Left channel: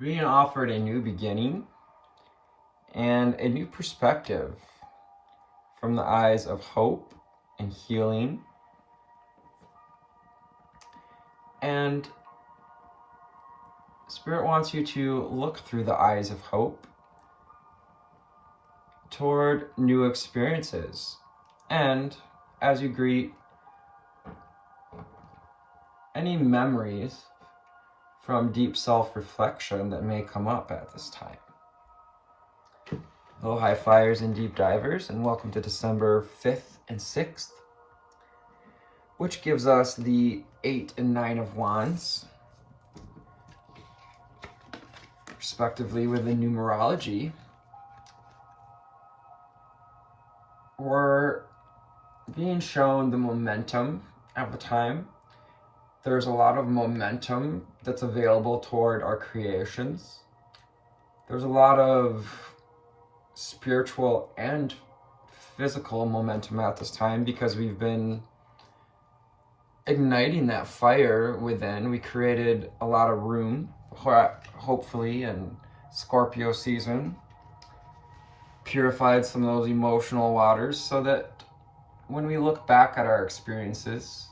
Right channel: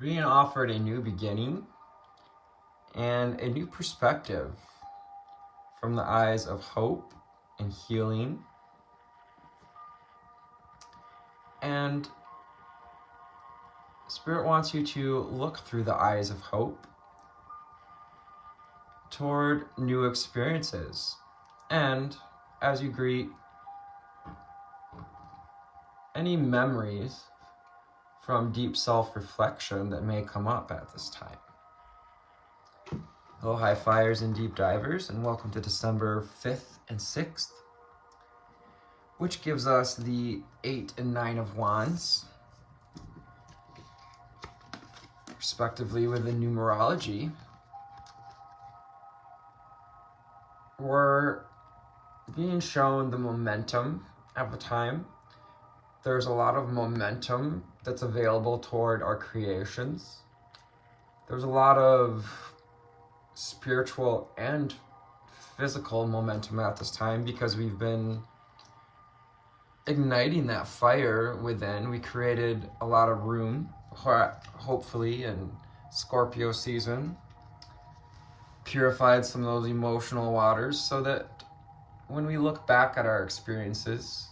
being offered a new beginning and a new perspective from the eyes of hope and healing. And Spirit wants you to look through the eyes of hope toward new experiences. And as you greet any memories from deep self-reflection that may come up at this time. Hello, high flyers and deep divers, and welcome to December 5th and 6th, which gives us the 8 and 9 of Wands, respectively with the numerology. We're being shown the momentum of the time. There's a lot of momentum that's available toward our creations. There's a lot of spiritual and physical momentum at this time because we've been igniting that fire within. We created a lot of room, hopefully, in Scorpio season. Purified some of those emotional waters so that when we look back at our experiences,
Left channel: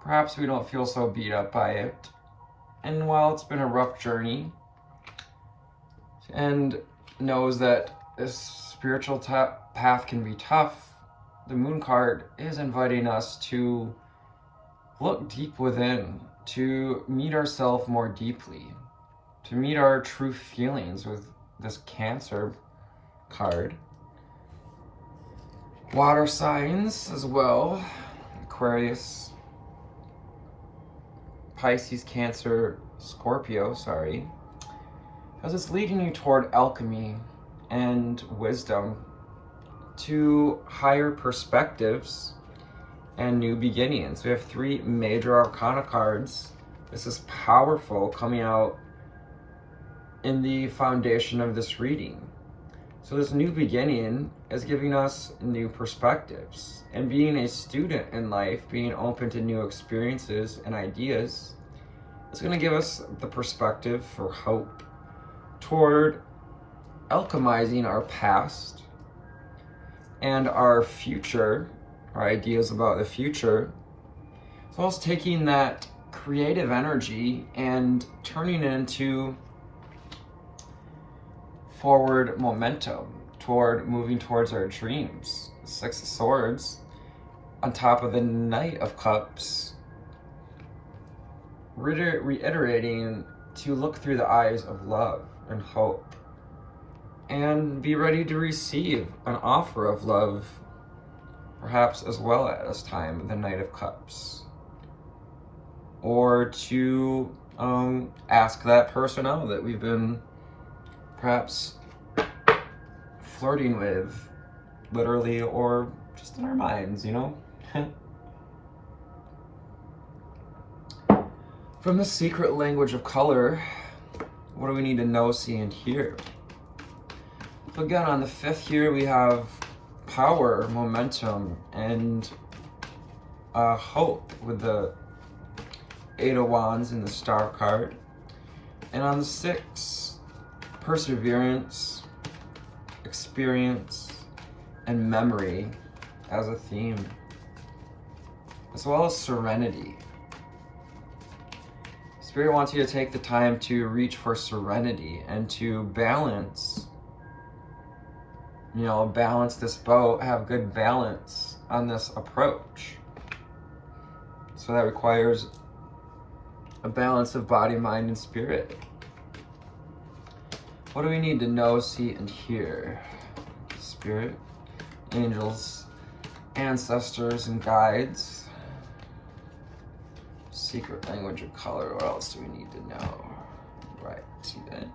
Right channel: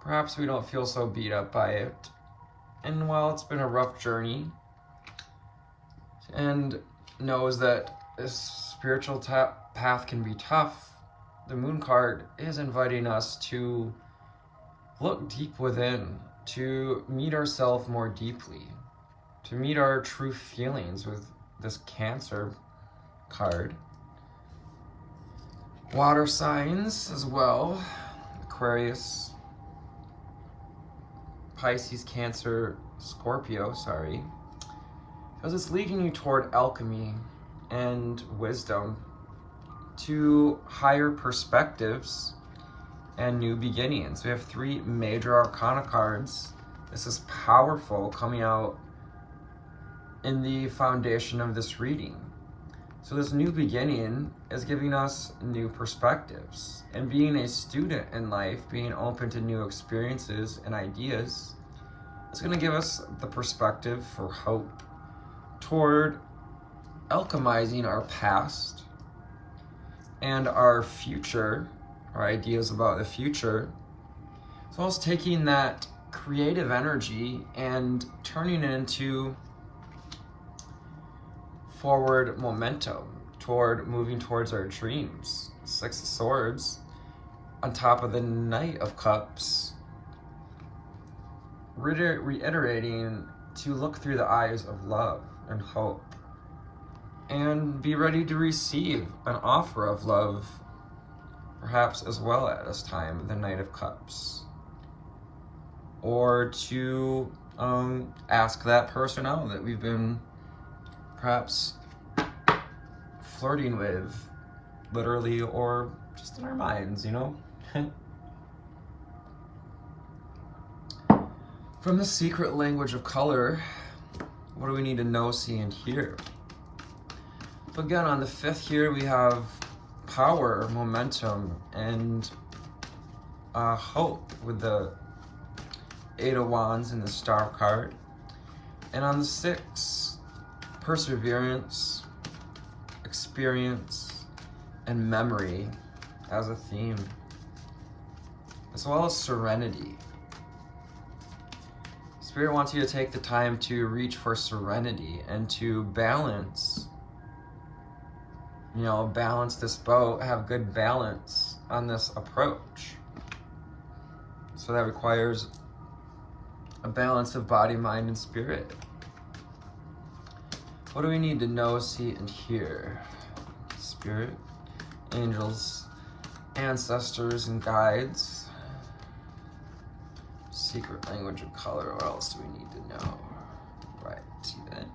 perhaps we don't feel so beat up by it. And while it's been a rough journey, and knows that this spiritual path can be tough, the Moon card is inviting us to look deep within, to meet ourselves more deeply, to meet our true feelings with this Cancer card. Water signs as well, Aquarius, Pisces, Cancer, Scorpio, because it's leading you toward alchemy and wisdom, to higher perspectives and new beginnings. We have 3 major arcana cards. This is powerful coming out in the foundation of this reading. So this new beginning is giving us new perspectives. And being a student in life, being open to new experiences and ideas, is going to give us the perspective for hope toward alchemizing our past and our future, our ideas about the future, as well as taking that creative energy and turning it into forward momentum toward moving towards our dreams. 6 of Swords on top of the Knight of Cups, reiterating to look through the eyes of love and hope and be ready to receive an offer of love, perhaps as well at this time, the Knight of Cups, or to ask that person out that we've been perhaps flirting with, literally, or just in our minds, From the secret language of color, what do we need to know, see, and hear? So again, on the 5th here, we have power, momentum, and hope with the 8 of Wands and the Star card. And on the 6th, perseverance, experience, and memory as a theme, as well as serenity. Spirit wants you to take the time to reach for serenity and to balance, balance this boat, have good balance on this approach. So that requires a balance of body, mind, and spirit. What do we need to know, see, and hear? Spirit, angels, ancestors, and guides. Secret language of color. What else do we need to know? Right, then.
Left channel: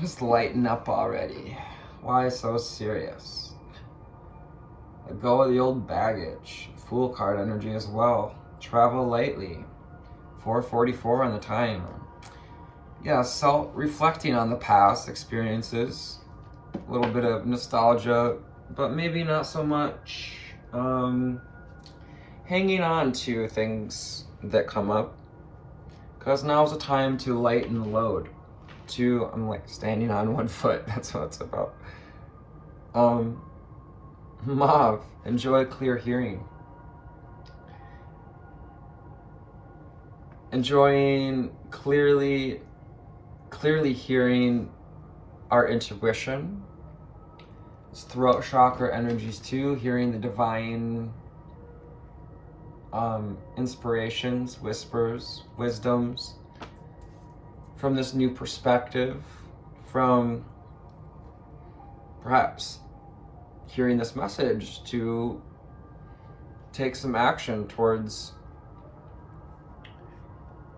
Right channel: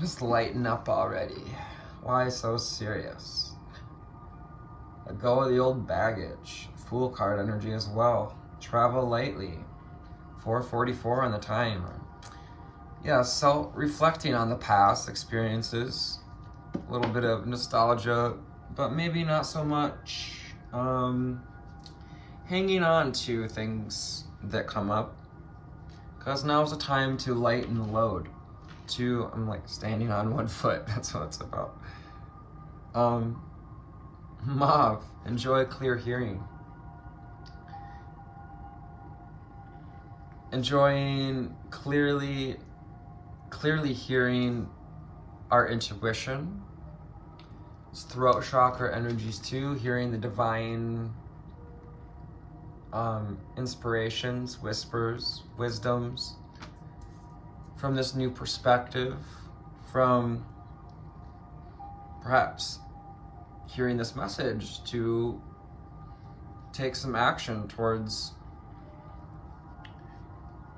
Just lighten up already. Why so serious? Let go of the old baggage. Fool card energy as well. Travel lightly. 4:44 on the time. Yeah, reflecting on the past experiences. A little bit of nostalgia, but maybe not so much hanging on to things that come up. because now's the time to lighten the load. I'm like standing on one foot, that's what it's about. Mauve, enjoy clear hearing. Enjoying clearly hearing our intuition. Throat chakra energies too, hearing the divine inspirations, whispers, wisdoms from this new perspective, from perhaps hearing this message to take some action towards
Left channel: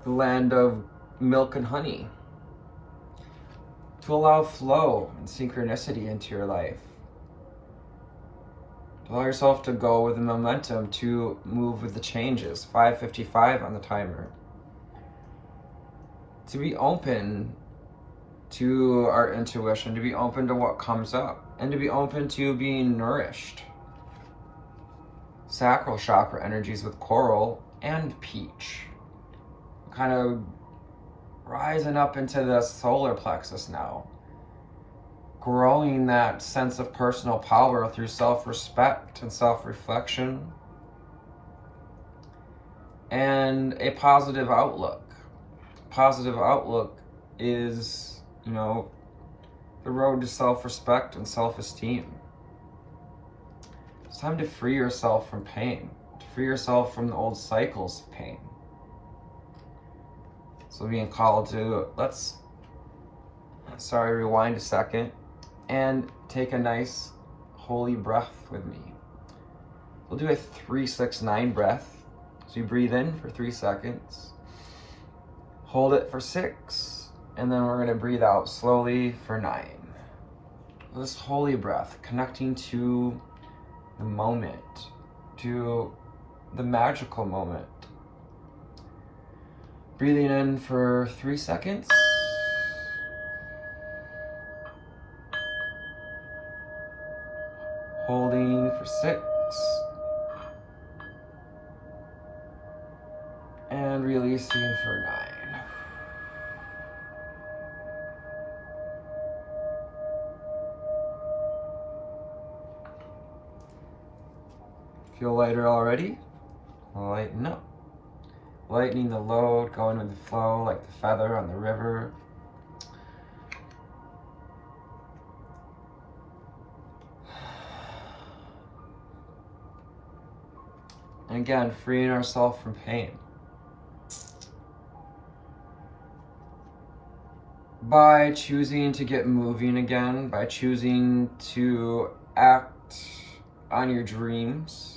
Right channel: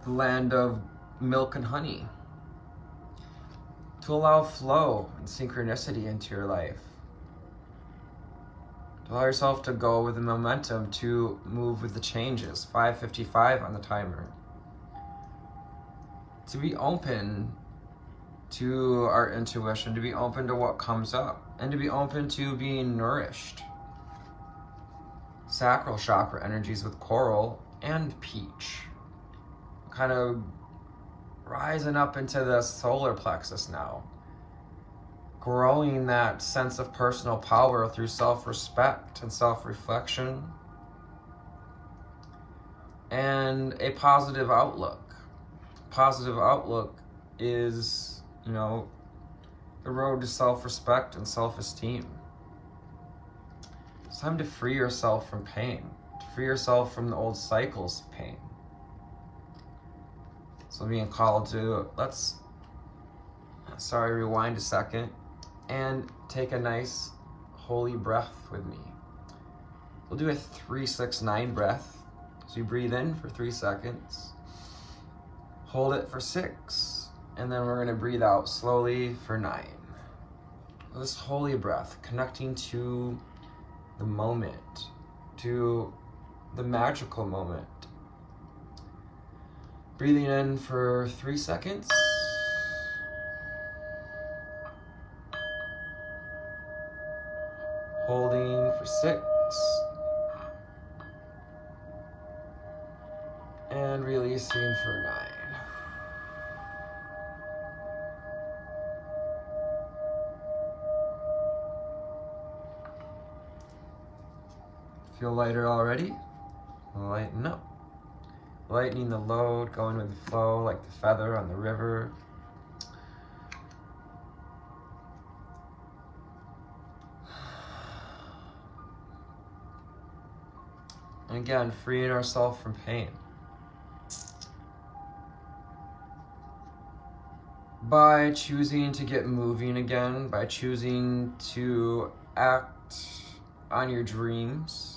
the land of milk and honey, to allow flow and synchronicity into your life, to allow yourself to go with the momentum, to move with the changes. 5:55 on the timer. To be open to our intuition, to be open to what comes up, and to be open to being nourished. Sacral chakra energies with coral and peach. Kind of rising up into the solar plexus now. Growing that sense of personal power through self-respect and self-reflection. And a positive outlook. Positive outlook is, the road to self-respect and self-esteem. It's time to free yourself from pain, to free yourself from the old cycles of pain. So being called to, rewind a second and take a nice holy breath with me. We'll do a 3-6-9 breath. So you breathe in for 3 seconds, hold it for 6, and then we're gonna breathe out slowly for 9. This holy breath, connecting to the moment, to the magical moment. Breathing in for 3 seconds. Holding for 6. And releasing for 9. Feel lighter already? Lighten up. Lightening the load, going with the flow like the feather on the river. And again, freeing ourselves from pain. By choosing to get moving again, by choosing to act on your dreams,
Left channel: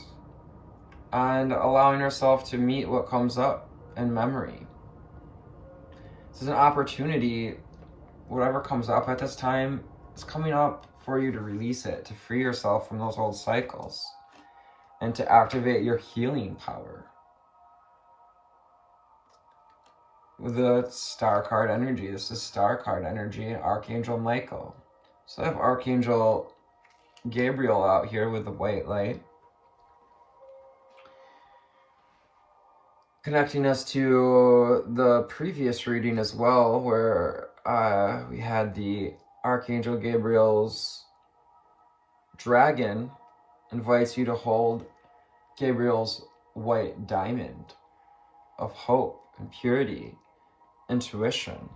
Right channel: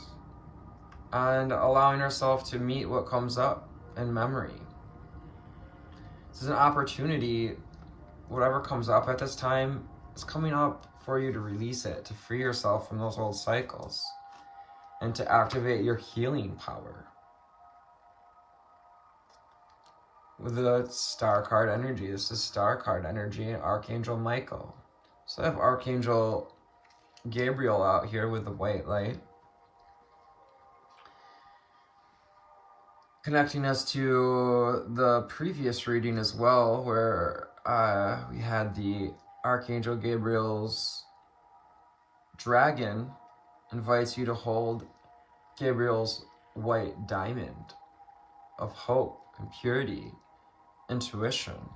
and allowing ourselves to meet what comes up in memory. This is an opportunity. Whatever comes up at this time is coming up for you to release it, to free yourself from those old cycles, and to activate your healing power. With the star card energy, this is star card energy, Archangel Michael. So I have Archangel Gabriel out here with the white light, connecting us to the previous reading as well, where we had the Archangel Gabriel's dragon invites you to hold Gabriel's white diamond of hope and purity, intuition.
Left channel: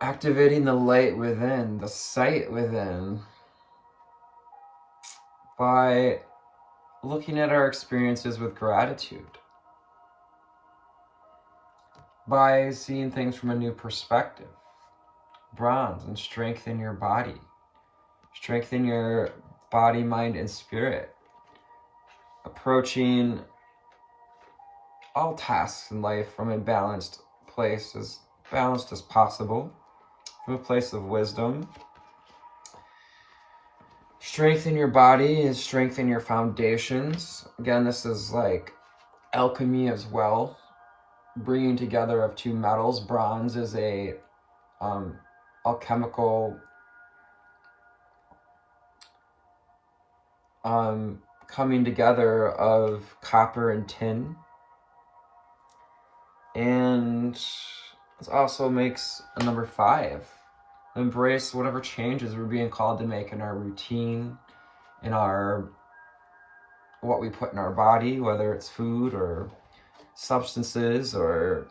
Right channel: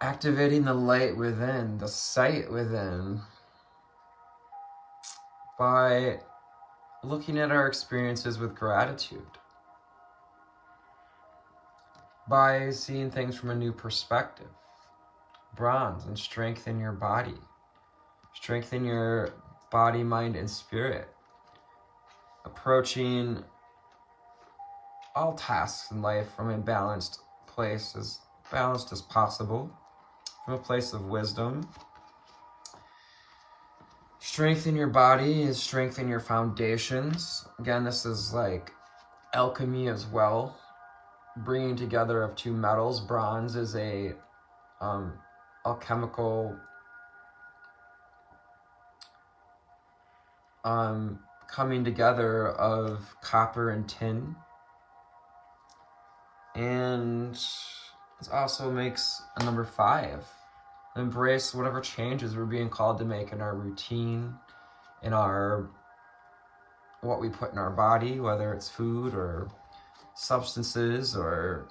Activating the light within, the sight within, by looking at our experiences with gratitude, by seeing things from a new perspective. Bronze, and strengthen your body. Strengthen your body, mind, and spirit. Approaching all tasks in life from a balanced place, as balanced as possible, from a place of wisdom. Strengthen your body is strengthen your foundations. Again, this is like alchemy as well. Bringing together of two metals. Bronze is a alchemical coming together of copper and tin. And this also makes a number 5. Embrace whatever changes we're being called to make in our routine, in our what we put in our body, whether it's food or substances or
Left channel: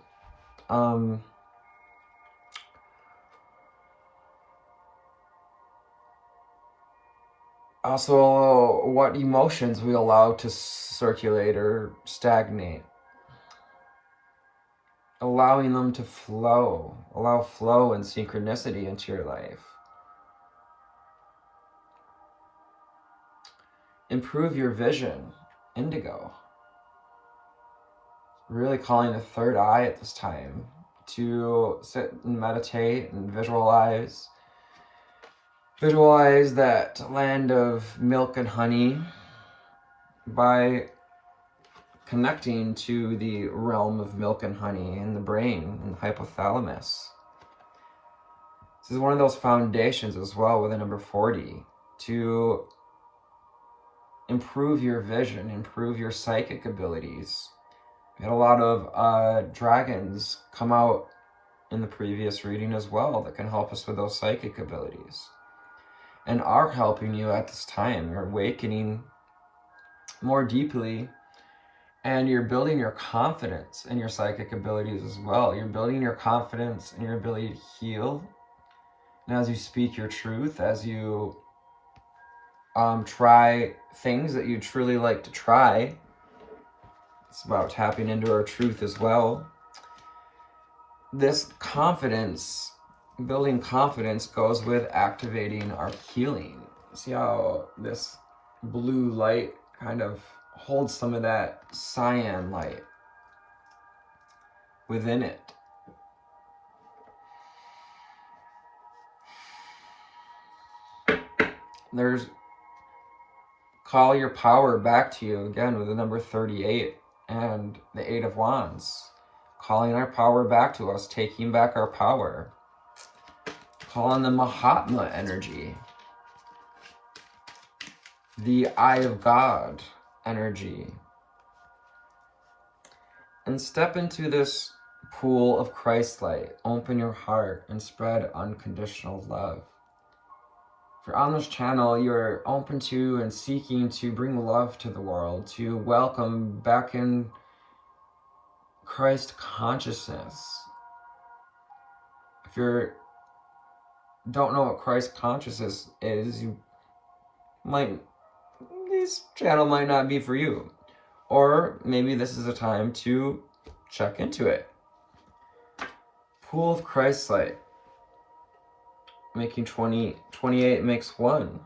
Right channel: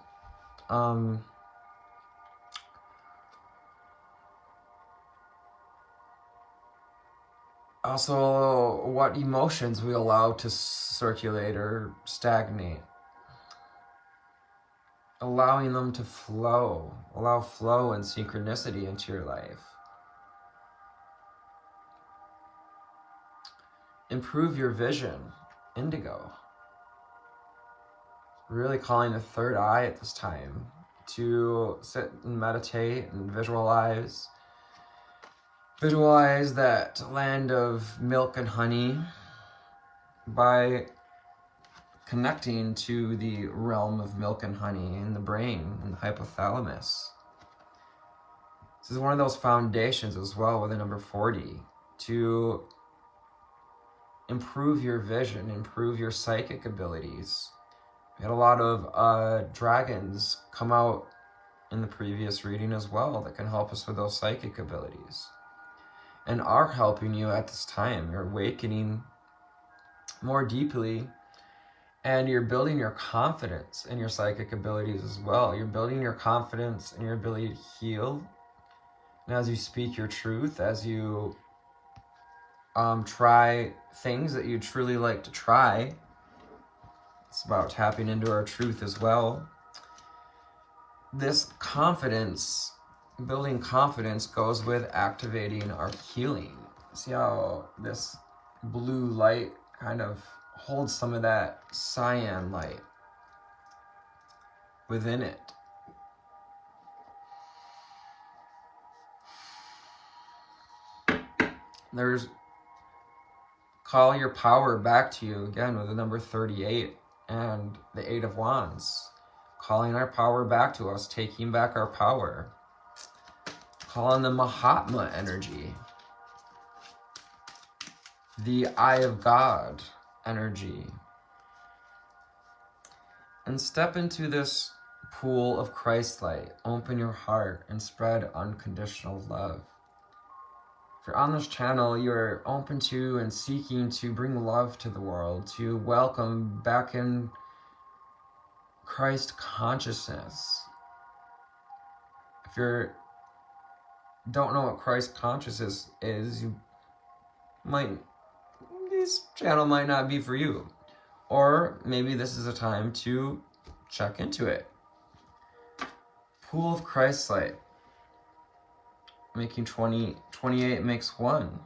also what emotions we allow to circulate or stagnate. Allowing them to flow. Allow flow and synchronicity into your life. Improve your vision. Indigo. Really calling the third eye at this time to sit and meditate and visualize. Visualize that land of milk and honey by connecting to the realm of milk and honey in the brain and the hypothalamus. This is one of those foundations as well with the number 40 to improve your vision, improve your psychic abilities. We had a lot of dragons come out in the previous reading as well that can help us with those psychic abilities and are helping you at this time. You're awakening more deeply and you're building your confidence in your psychic abilities as well. You're building your confidence and your ability to heal. And as you speak your truth, as you try things that you truly like to try, it's about tapping into our truth as well. This confidence, building confidence, goes with activating our healing. See how this blue light kind of holds some of that cyan light within it. There's call your power back to you again with the number 38 and the 8 of Wands. Calling our power back to us, taking back our power. Calling the Mahatma energy. The Eye of God energy. And step into this pool of Christ light. Open your heart and spread unconditional love. If you're on this channel, you're open to and seeking to bring love to the world, to welcome back in Christ consciousness. If you don't know what Christ consciousness is, this channel might not be for you. Or maybe this is a time to check into it. Pool of Christ light. Making 28 makes 1.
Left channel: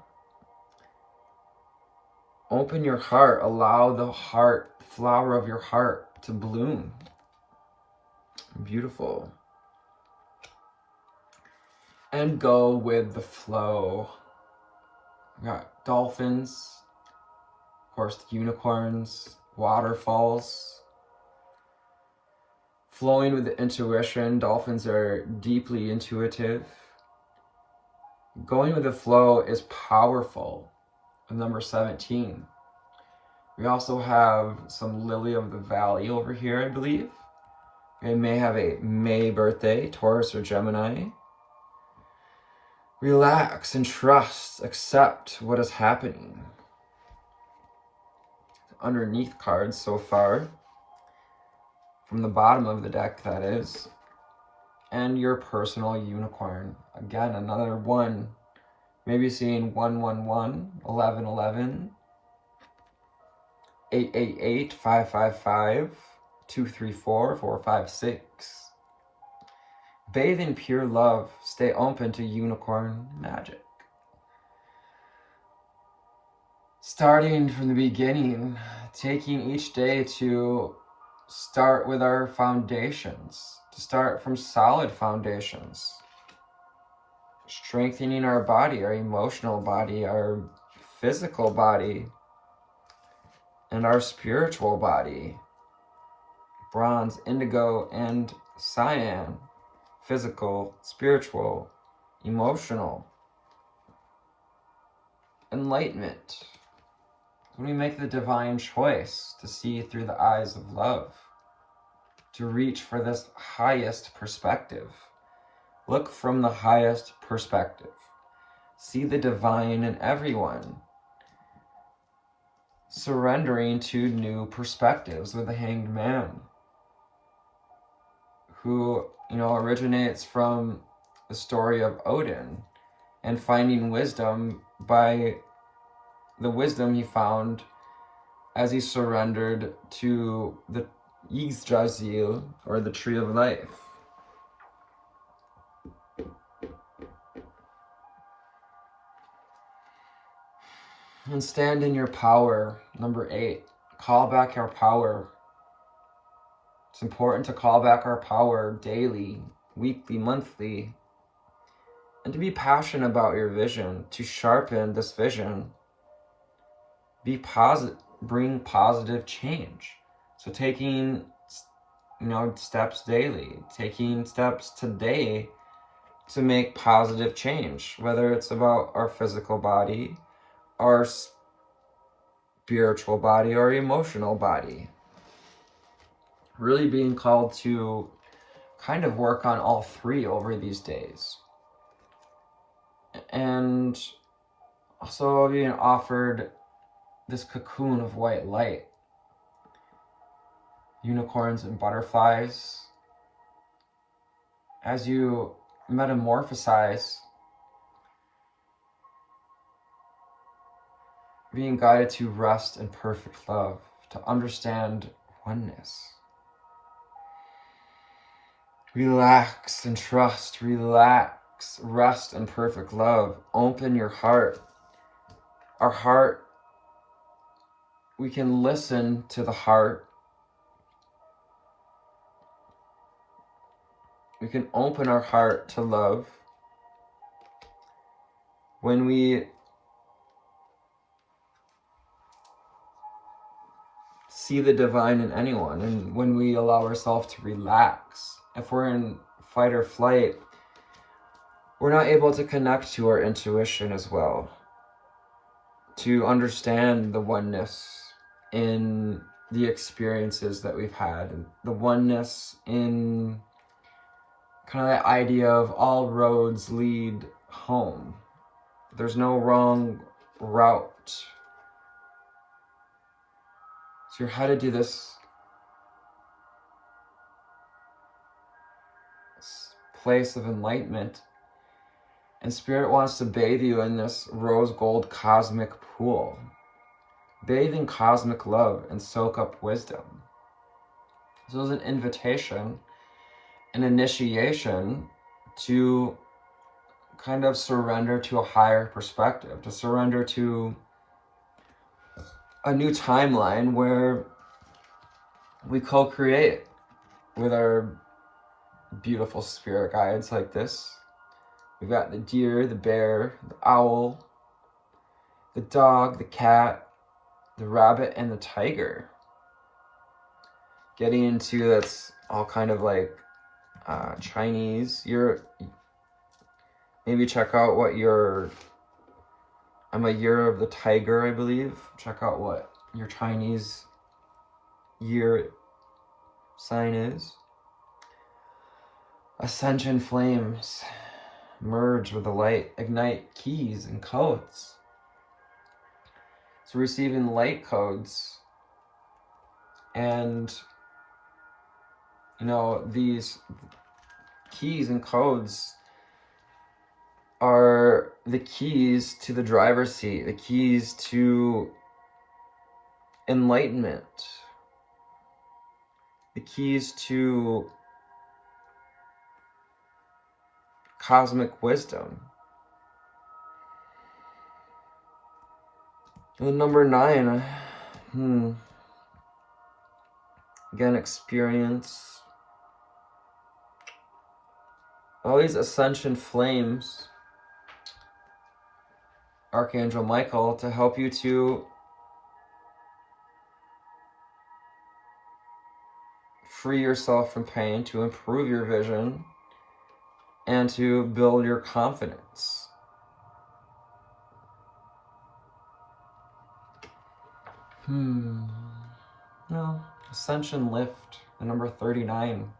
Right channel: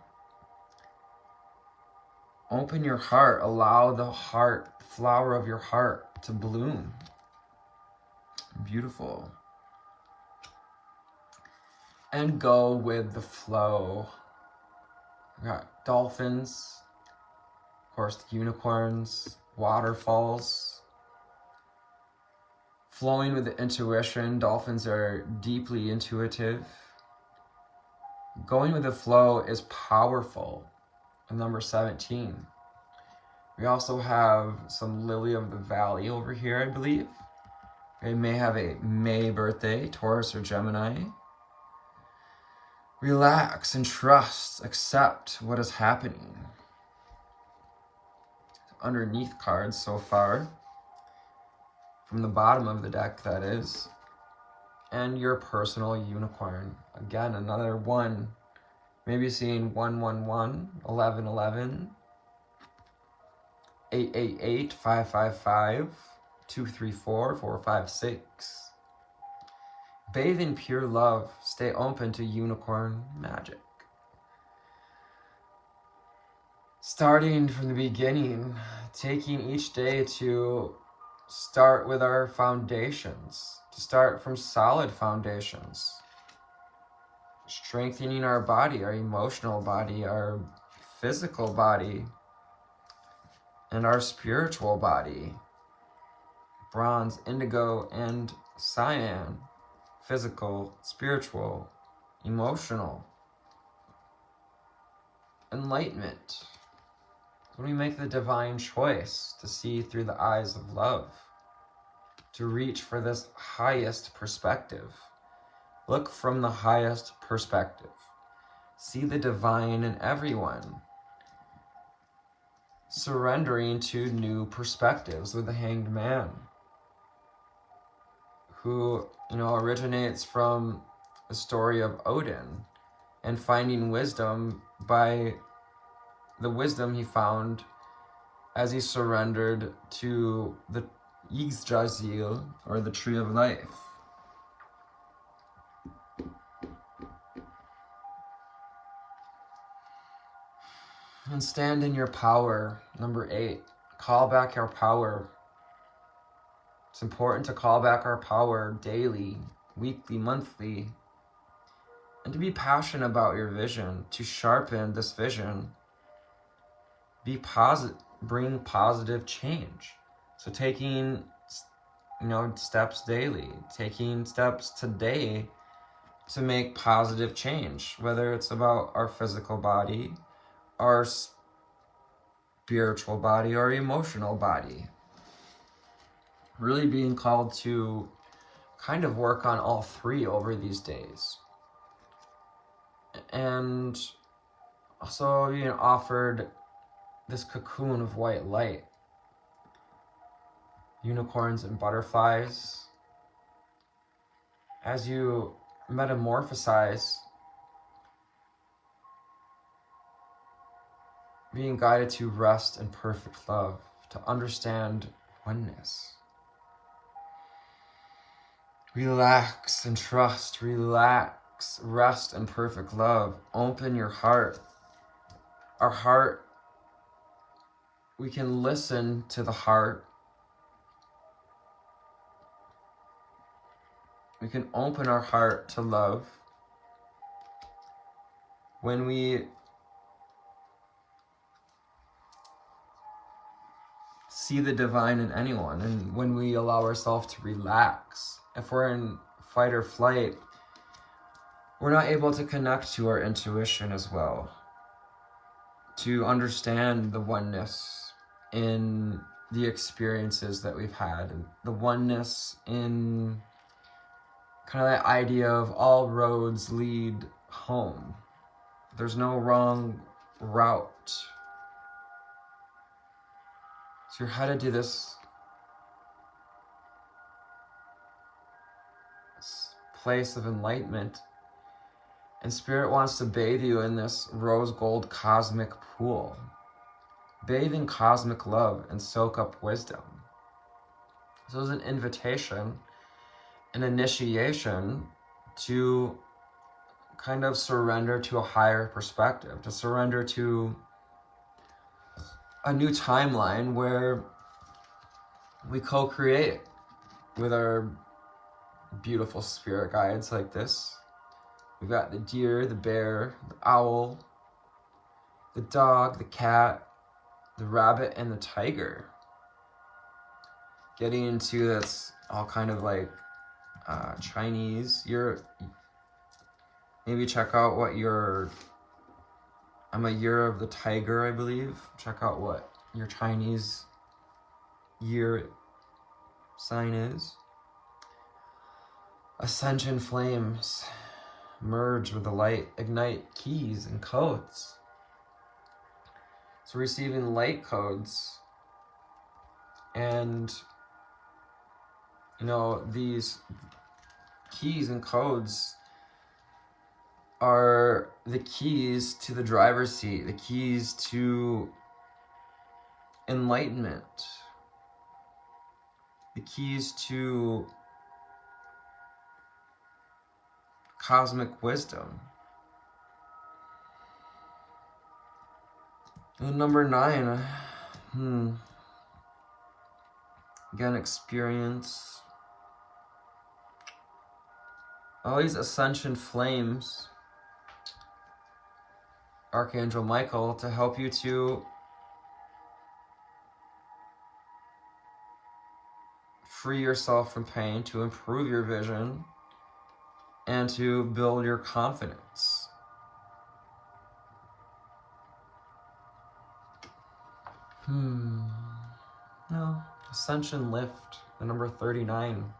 Open your heart. Allow the heart, the flower of your heart, to bloom. Beautiful. And go with the flow. We got dolphins, of course, the unicorns, waterfalls. Flowing with the intuition. Dolphins are deeply intuitive. Going with the flow is powerful. Number 17. We also have some Lily of the Valley over here, I believe. We may have a May birthday, Taurus or Gemini. Relax and trust, accept what is happening. Underneath cards so far, from the bottom of the deck that is, and your personal unicorn. Again, another 1. Maybe seeing 111, 1111, 888, 555, 234, 456. Bathe in pure love. Stay open to unicorn magic. Starting from the beginning, taking each day to start with our foundations, to start from solid foundations. Strengthening our body, our emotional body, our physical body, and our spiritual body. Bronze, indigo, and cyan. Physical, spiritual, emotional. Enlightenment. When we make the divine choice to see through the eyes of love. to reach for this highest perspective. Look from the highest perspective. See the divine in everyone. Surrendering to new perspectives with the Hanged Man, who, originates from the story of Odin and finding wisdom by the wisdom he found as he surrendered to the Yggdrasil, or the Tree of Life. And stand in your power. Number 8, call back our power. It's important to call back our power daily, weekly, monthly, and to be passionate about your vision, to sharpen this vision. Be positive, bring positive change. So taking, steps daily, taking steps today to make positive change, whether it's about our physical body, our spiritual body, or emotional body. Really being called to kind of work on all three over these days. And also being offered this cocoon of white light. Unicorns and butterflies. As you metamorphosize, being guided to rest in perfect love, to understand oneness. Relax and trust, relax, rest in perfect love. Open your heart. Our heart, we can listen to the heart. We can open our heart to love when we see the divine in anyone, and when we allow ourselves to relax. If we're in fight or flight, we're not able to connect to our intuition as well, to understand the oneness in the experiences that we've had, and the oneness in kind of that idea of all roads lead home. There's no wrong route. So you're headed to this place of enlightenment, and Spirit wants to bathe you in this rose gold cosmic pool. Bathe in cosmic love and soak up wisdom. So it's an invitation, an initiation to kind of surrender to a higher perspective, to surrender to a new timeline where we co-create with our beautiful spirit guides like this. We've got the deer, the bear, the owl, the dog, the cat, the rabbit, and the tiger. Getting into that's all kind of like Chinese. Maybe check out what I'm a year of the tiger, I believe. Check out what your Chinese year sign is. Ascension flames merge with the light, ignite keys and codes. So receiving light codes, and these keys and codes are the keys to the driver's seat, the keys to enlightenment, the keys to cosmic wisdom. And number 9, again, experience all these ascension flames, Archangel Michael, to help you to free yourself from pain, to improve your vision, and to build your confidence. No, ascension lift. The number 39.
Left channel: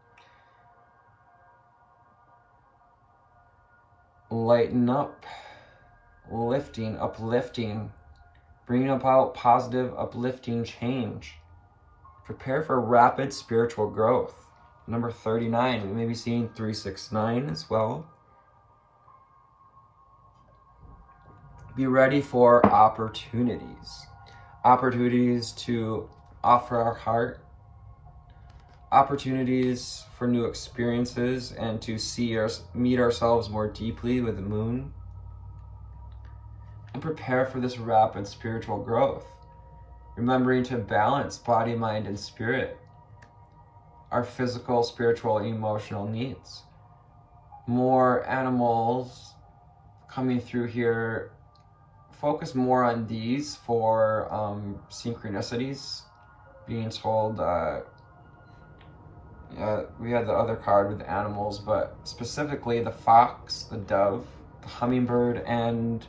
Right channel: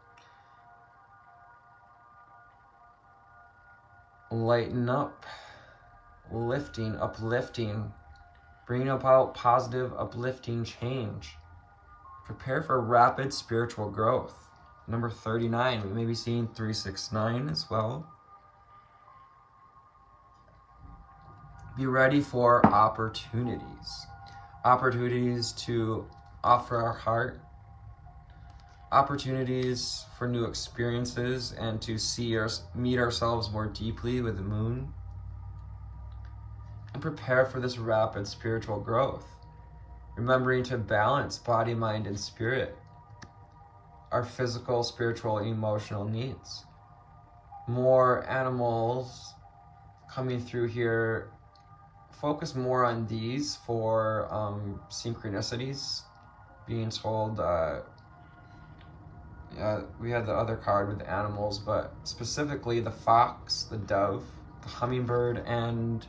Lighten up, lifting, uplifting, bringing about positive, uplifting change. Prepare for rapid spiritual growth. Number 39, we may be seeing 369 as well. Be ready for opportunities. Opportunities to offer our heart. Opportunities for new experiences and to meet ourselves more deeply with the moon. And prepare for this rapid spiritual growth. Remembering to balance body, mind, and spirit. Our physical, spiritual, and emotional needs. More animals coming through here. Focus more on these for synchronicities. Being told, we had the other card with the animals, but specifically the fox, the dove, the hummingbird, and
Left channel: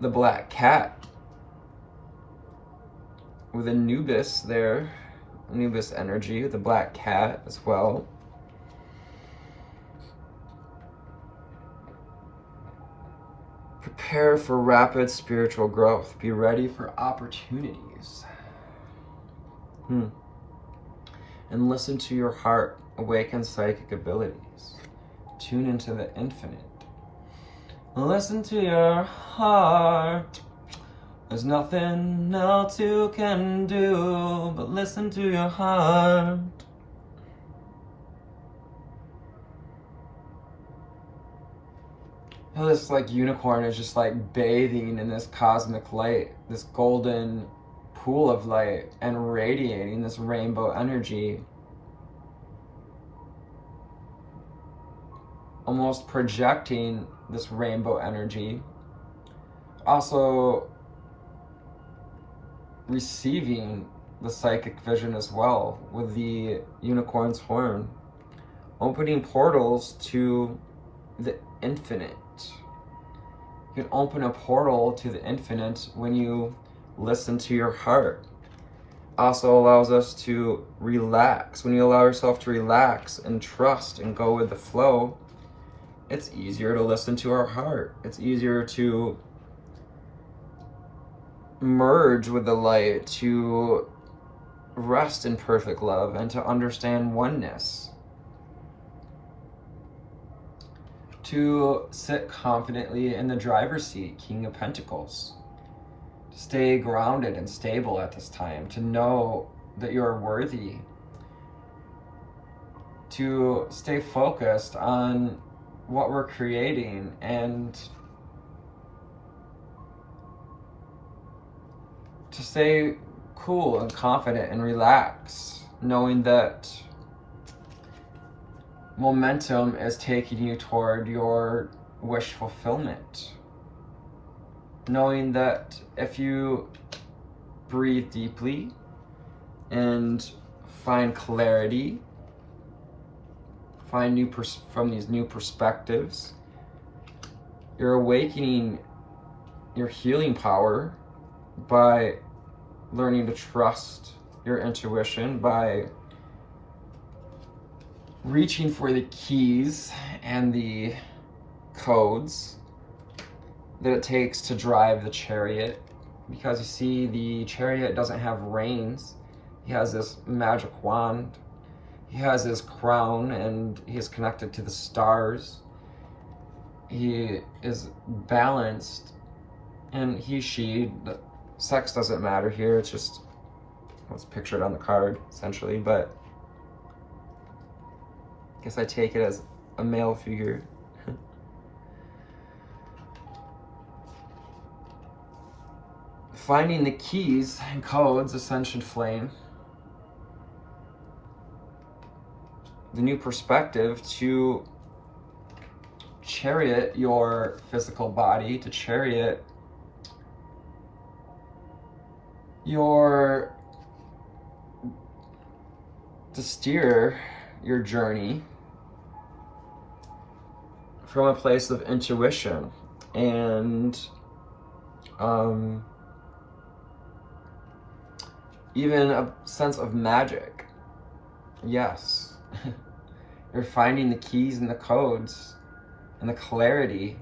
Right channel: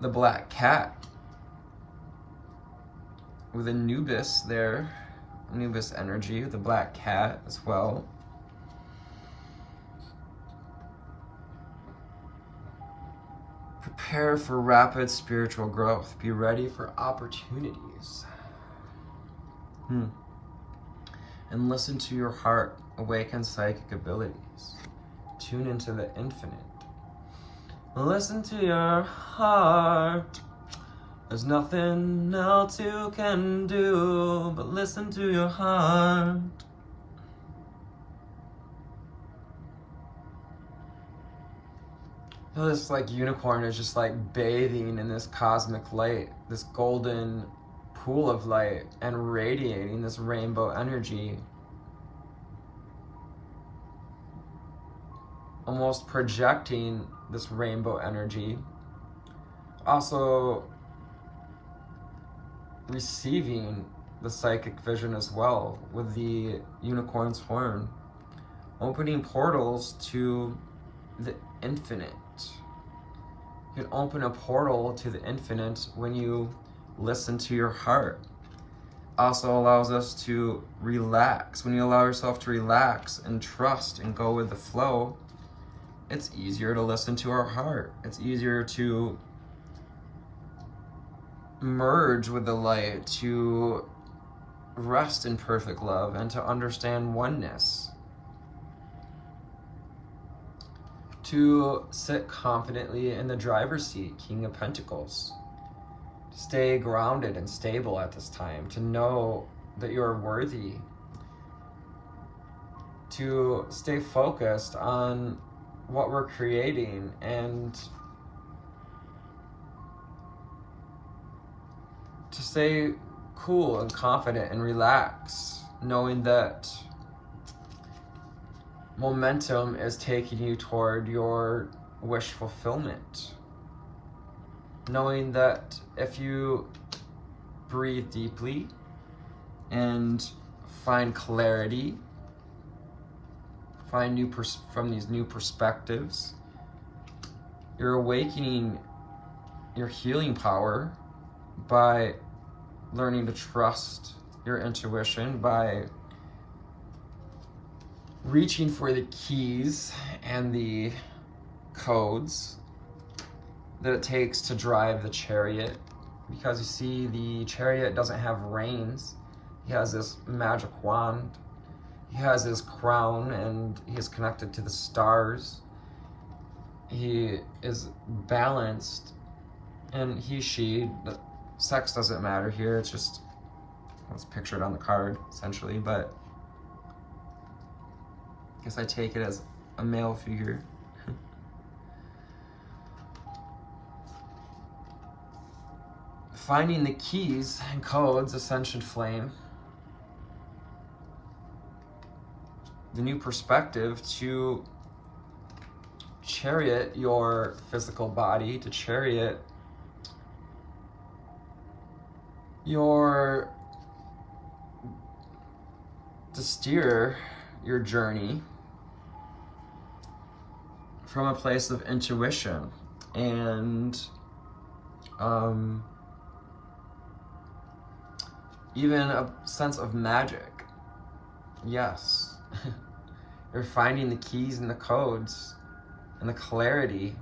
the black cat. With Anubis there, Anubis energy, the black cat as well. Prepare for rapid spiritual growth. Be ready for opportunities. And listen to your heart. Awaken psychic abilities. Tune into the infinite. Listen to your heart. There's nothing else you can do but listen to your heart. This unicorn is just bathing in this cosmic light, this golden pool of light, and radiating this rainbow energy. Almost projecting this rainbow energy. Also receiving the psychic vision as well with the unicorn's horn. Opening portals to the infinite. You can open a portal to the infinite when you listen to your heart. Also allows us to relax. When you allow yourself to relax and trust and go with the flow, it's easier to listen to our heart. It's easier to merge with the light, to rest in perfect love, and to understand oneness. To sit confidently in the driver's seat, King of Pentacles. To stay grounded and stable at this time. To know that you're worthy. To stay focused on what we're creating and to stay cool and confident and relax, knowing that momentum is taking you toward your wish fulfillment. Knowing that if you breathe deeply and find clarity, find from these new perspectives, you're awakening your healing power by learning to trust your intuition, by reaching for the keys and the codes that it takes to drive the chariot. Because you see, the chariot doesn't have reins. He has this magic wand. He has his crown and he is connected to the stars. He is balanced, and she, the sex doesn't matter here. It's just what's pictured on the card, essentially, but I guess I take it as a male figure. Finding the keys and codes, Ascension Flame. The new perspective to chariot your physical body, to chariot to steer your journey from a place of intuition and even a sense of magic. yes, you're finding the keys and the codes and the clarity.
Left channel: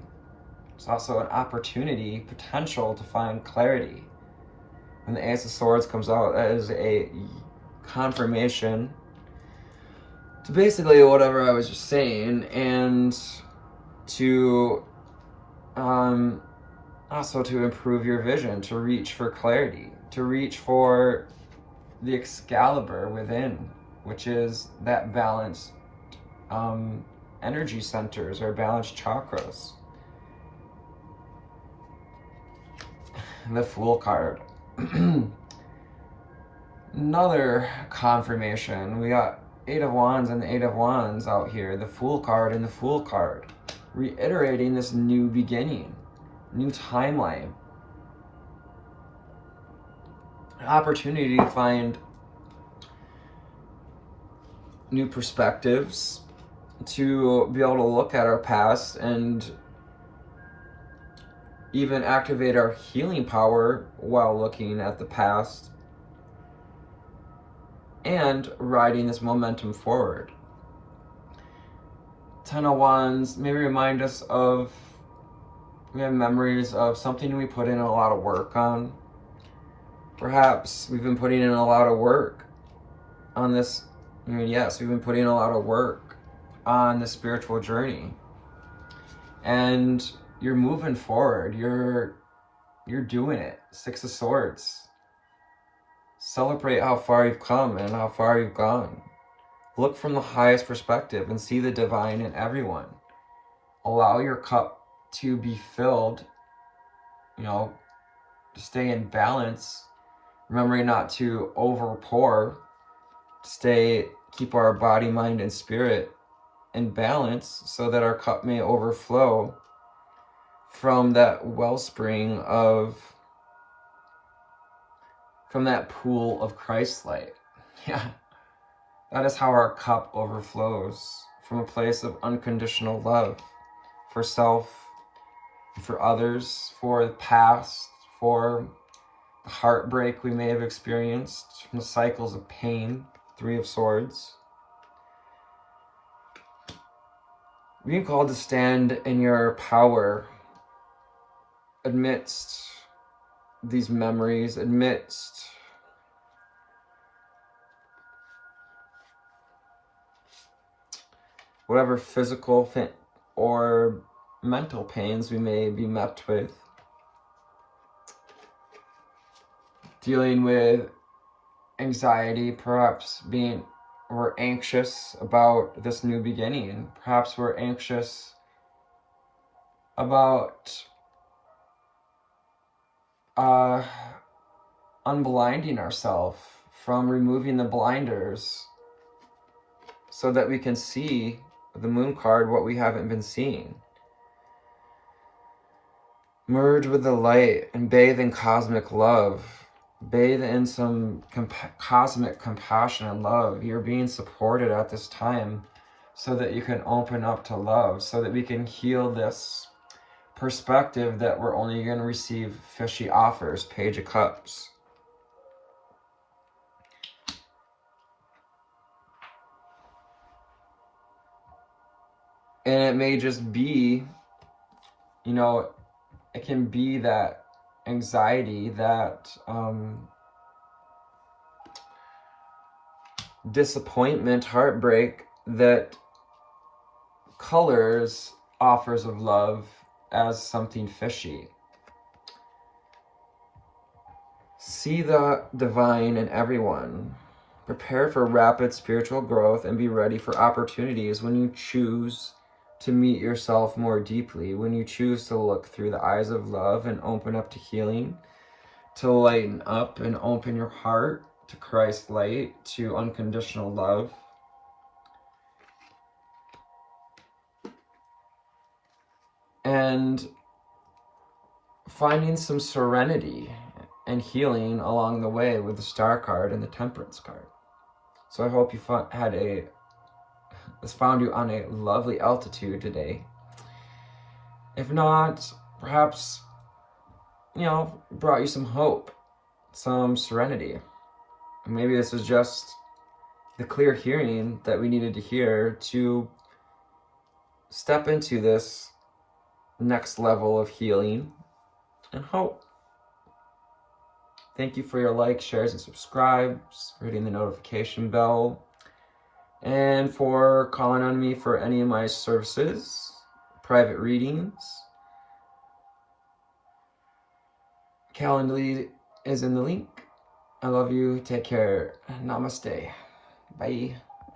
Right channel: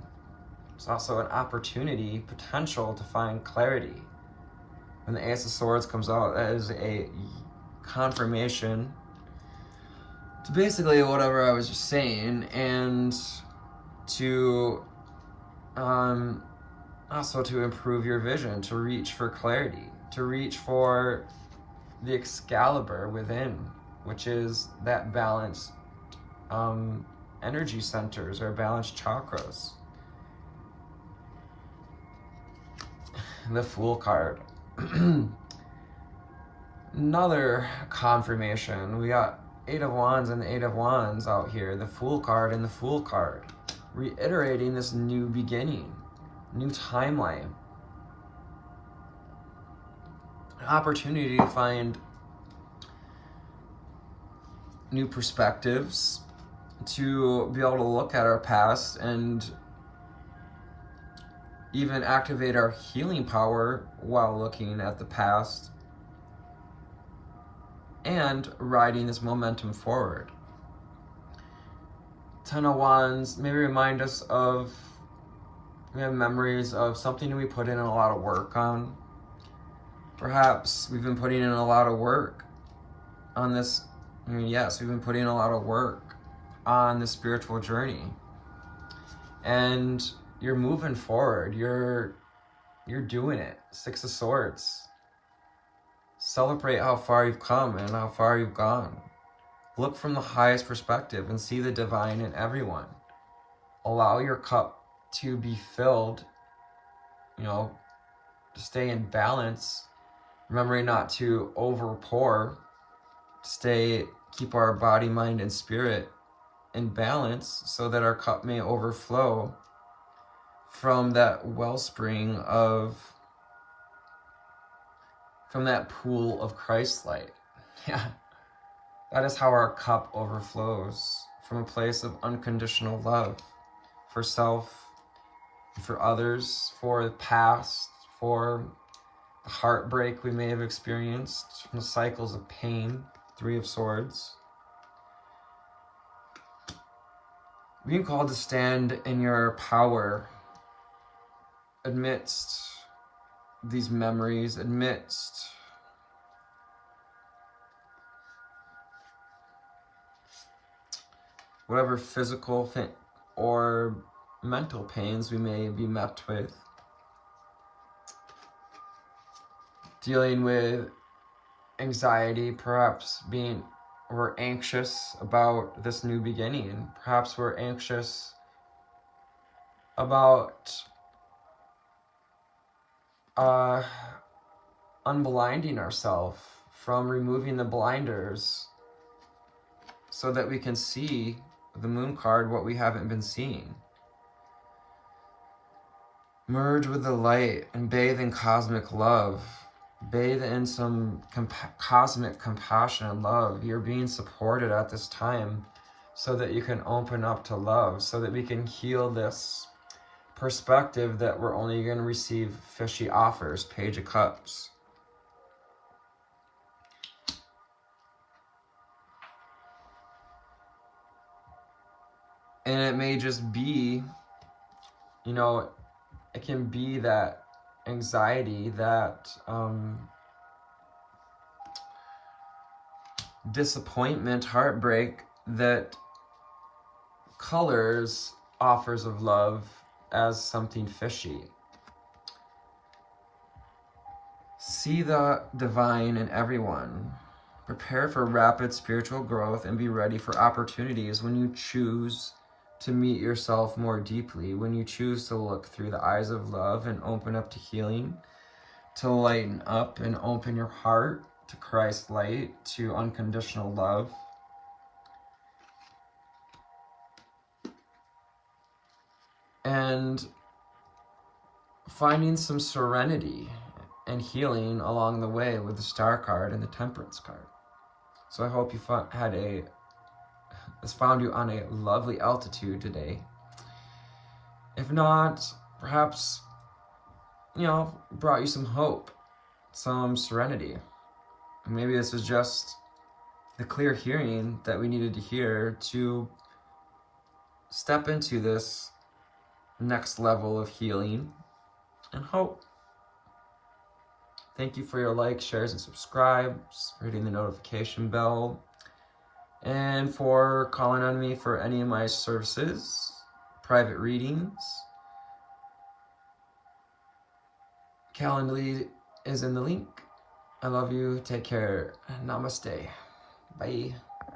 It's also an opportunity, potential to find clarity. When the Ace of Swords comes out, that is a confirmation to basically whatever I was just saying, and to also to improve your vision, to reach for clarity, to reach for the Excalibur within, which is that balanced energy centers or balanced chakras. The Fool card. Another confirmation. We got Eight of Wands and the Eight of Wands out here. The Fool card and the Fool card. Reiterating this new beginning, new timeline. An opportunity to find new perspectives, to be able to look at our past and even activate our healing power while looking at the past and riding this momentum forward. Ten of Wands maybe remind us of, we have memories of something we put in a lot of work on. Perhaps we've been putting in a lot of work on this. Yes, we've been putting in a lot of work on the spiritual journey. And you're moving forward. You're doing it. Six of Swords. Celebrate how far you've come and how far you've gone. Look from the highest perspective and see the divine in everyone. Allow your cup to be filled, to stay in balance. Remembering not to over pour. Keep our body, mind, and spirit in balance so that our cup may overflow from that wellspring from that pool of Christ light. Yeah, that is how our cup overflows, from a place of unconditional love for self, for others, for the past, for the heartbreak we may have experienced, from the cycles of pain. Three of Swords. Being called to stand in your power amidst these memories, amidst whatever physical or mental pains we may be met with. Dealing with anxiety, perhaps we're anxious about this new beginning. Perhaps we're anxious about unblinding ourselves, from removing the blinders so that we can see the Moon card, what we haven't been seeing. Merge with the light and bathe in cosmic love. Bathe in some cosmic compassion and love. You're being supported at this time so that you can open up to love, so that we can heal this perspective that we're only going to receive fishy offers. Page of Cups. And it may just be, it can be that anxiety, that disappointment, heartbreak that colors offers of love as something fishy. See the divine in everyone. Prepare for rapid spiritual growth and be ready for opportunities when you choose to meet yourself more deeply, when you choose to look through the eyes of love and open up to healing, to lighten up and open your heart to Christ's light, to unconditional love. And finding some serenity and healing along the way with the Star card and the Temperance card. So I hope you this found you on a lovely altitude today. If not, perhaps, brought you some hope, some serenity. Maybe this is just the clear hearing that we needed to hear to step into this next level of healing and hope. Thank you for your likes, shares, and subscribes, hitting the notification bell, and for calling on me for any of my services, private readings. Calendly is in the link. I love you. Take care. Namaste. Bye.